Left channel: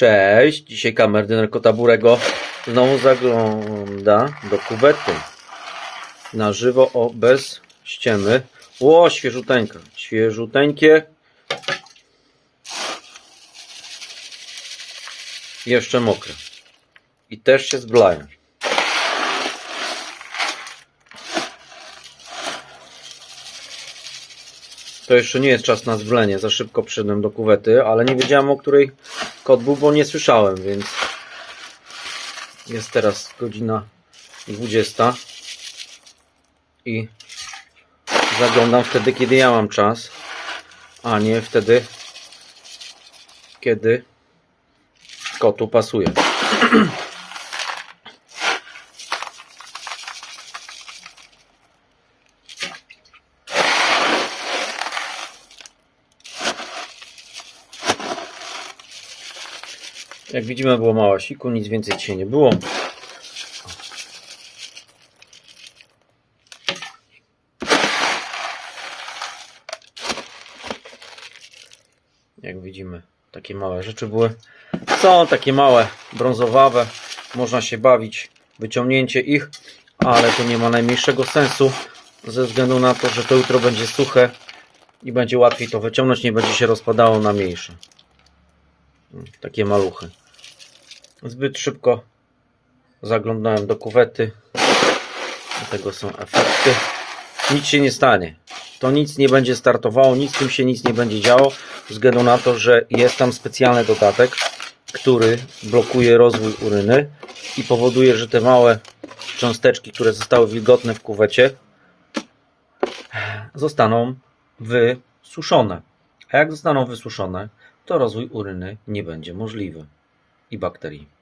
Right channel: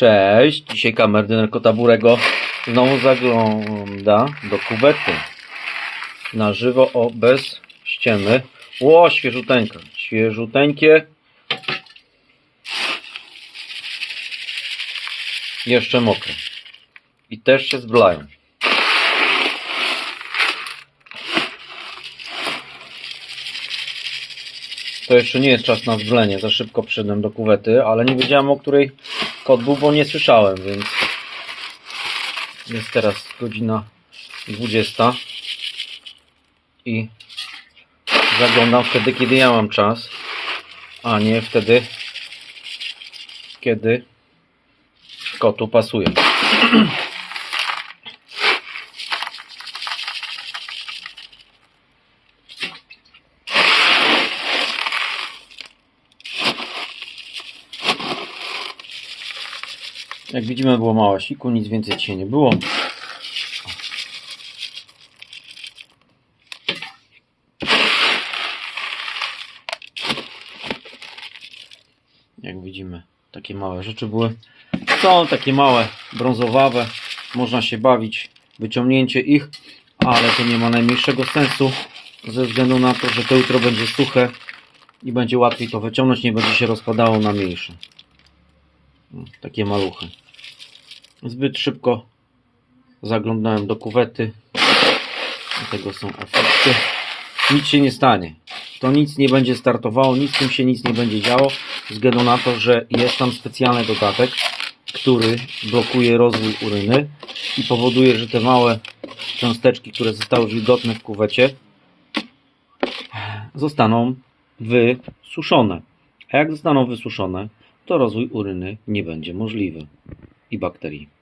Cześć, dzisiaj kamerdyner Kota Burego znowu zagląda do kuwety. Na żywo, o, bez ściemy. Ło, świeżuteńka, świeżuteńkie. Jeszcze mokre. I też się zblają. To jeszcze nie jest czas na zblenie, za szybko przyszedłem do kuwety, ale nie wiedziałem o której kot był, bo nie słyszałem, więc jest teraz godzina 20 i zaglądam wtedy, kiedy ja mam czas, a nie wtedy, kiedy kotu pasuje. Jak widzimy było mało siku, nic więcej dzisiaj nie było. Jak widzimy, takie małe rzeczy były. Są takie małe, brązowawe. Można się bawić, wyciągnięcie ich, ale to nie ma najmniejszego sensu ze względu na to, że to jutro będzie suche i będzie łatwiej to wyciągnąć, nie będzie się rozpadało na mniejsze. Takie maluchy. Zbyt szybko zaglądałem do kuwety. Tego są efekty. Nic się nie stanie. To nic nie będzie startowało, nic tym się nic nie będzie działo, ze względu na to, że jest tam specjalny dodatek, który blokuje rozwój uryny i powoduje, że te małe cząsteczki, które zostały wilgotne w kuwecie, zostaną wysuszone. A jak zostaną wysuszone, to rozwój uryny nie będzie możliwy i bakterii.